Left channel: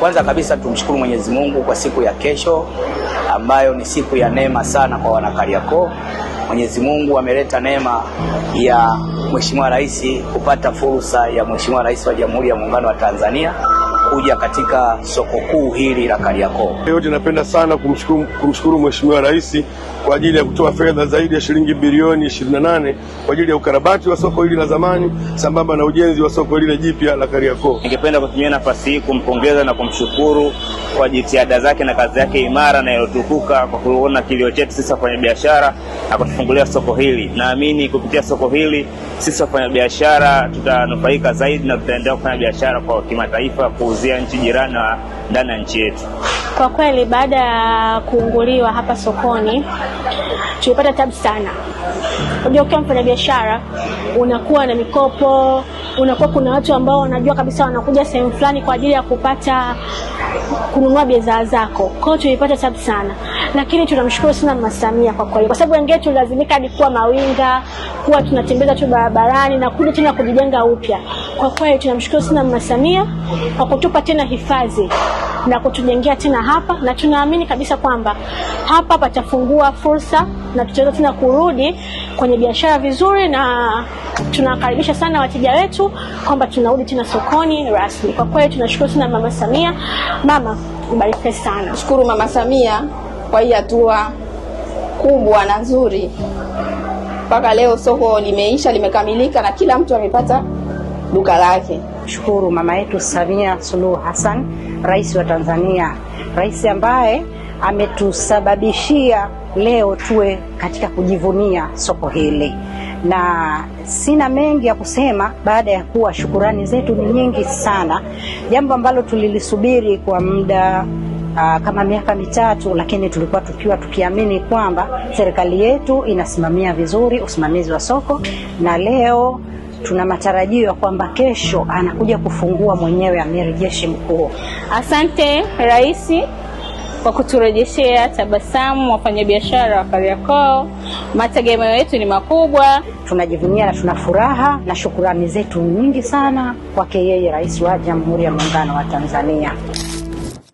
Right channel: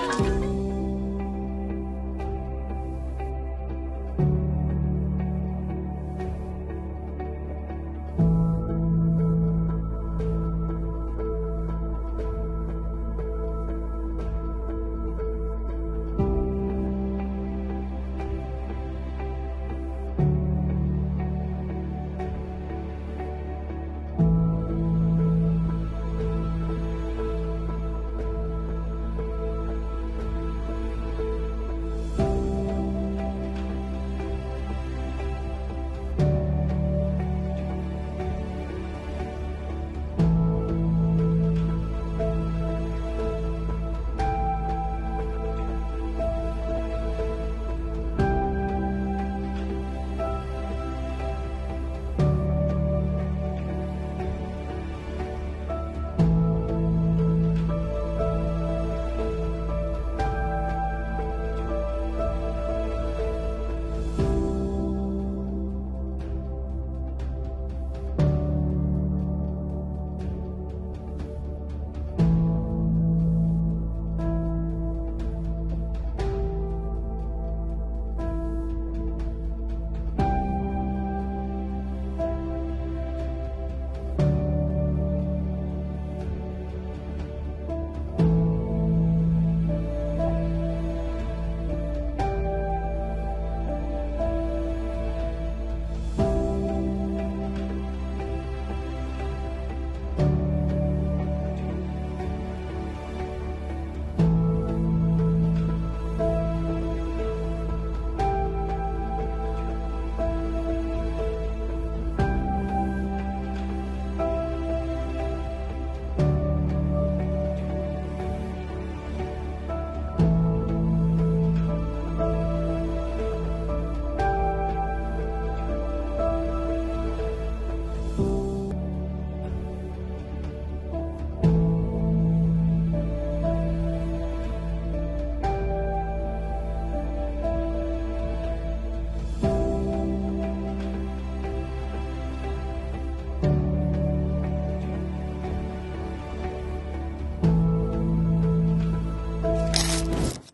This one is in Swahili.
Kwanza kabisa tumshukuru Mwenyezi Mungu kwa siku ya kesho ambayo ni siku ya neema sana kwa wana Kariakoo. Mwenyezi Mungu ameleta neema ya Mheshimiwa Rais kupata fursa ya Mheshimiwa Rais wa Jamhuri ya Muungano wa Tanzania kuja katika soko kuu hili la Kariakoo. Yote napenda sana kumshukuru Mheshimiwa Rais kwa ajili ya kutoa fedha zaidi ya shilingi bilioni 28 kwa ajili ya ukarabati wa soko hili la zamani sambamba na ujenzi wa soko hili jipya la Kariakoo. Ningependa kutumia nafasi hii kumpongeza na kumshukuru kwa jitihada zake na kazi yake imara na iliyotukuka kwa kuona kilio chetu sisi wafanyabiashara na kutufungulia soko hili. Naamini kupitia soko hili sisi wafanyabiashara tutanufaika zaidi na tutaendelea kufanya biashara kwa kimataifa, kuuzia nchi jirani na ndani ya nchi yetu. Kwa kweli baada ya kuunguliwa hapa sokoni tulipata tabu sana. Unajua ukiwa mfanyabiashara unakuwa na mikopo, unakuwa kuna watu ambao wanajua kabisa wanakuja sehemu fulani kwa ajili ya kununua bidhaa zako. Kwa hiyo tulipata tabu sana. Lakini tunamshukuru sana Mama Samia kwa kweli. Kwa sababu wengine tulazimika hadi kuwa mawinga, kuwa tunatembeza tu barabarani na kuja tena kujijenga upya. Kwa kweli tunamshukuru sana Mama Samia kwa kutupa tena hifadhi na kutujengea tena hapa, na tunaamini kabisa kwamba hapa patafungua fursa na tutaweza tena kurudi kwenye biashara vizuri, na tunakaribisha sana wateja wetu kwamba tunarudi tena sokoni rasmi. Kwa kweli tunashukuru sana Mama Samia. Mama, mbarikiwe sana. Shukuru Mama Samia kwa hii hatua kubwa na nzuri. Mpaka leo soko limeisha, limekamilika na kila mtu amepata duka lake. Shukuru mama yetu Samia Suluhu Hassan, Rais wa Tanzania. Rais ambaye ametusababishia leo tuwe katika kujivunia soko hili. Na sina mengi ya kusema baada ya kuwa shukurani zetu ni nyingi sana. Jambo ambalo tulilisubiri kwa muda kama miaka mitatu, lakini tulikuwa tukiamini kwamba serikali yetu inasimamia vizuri usimamizi wa soko, na leo tuna matarajio ya kwamba kesho anakuja kufungua mwenyewe Amiri Jeshi Mkuu. Asante Rais kwa kuturejeshea tabasamu wafanyabiashara wa Kariakoo. Mategemeo yetu ni makubwa. Tunajivunia na tuna furaha na shukrani zetu nyingi sana kwake yeye Rais wa Jamhuri ya Muungano wa Tanzania.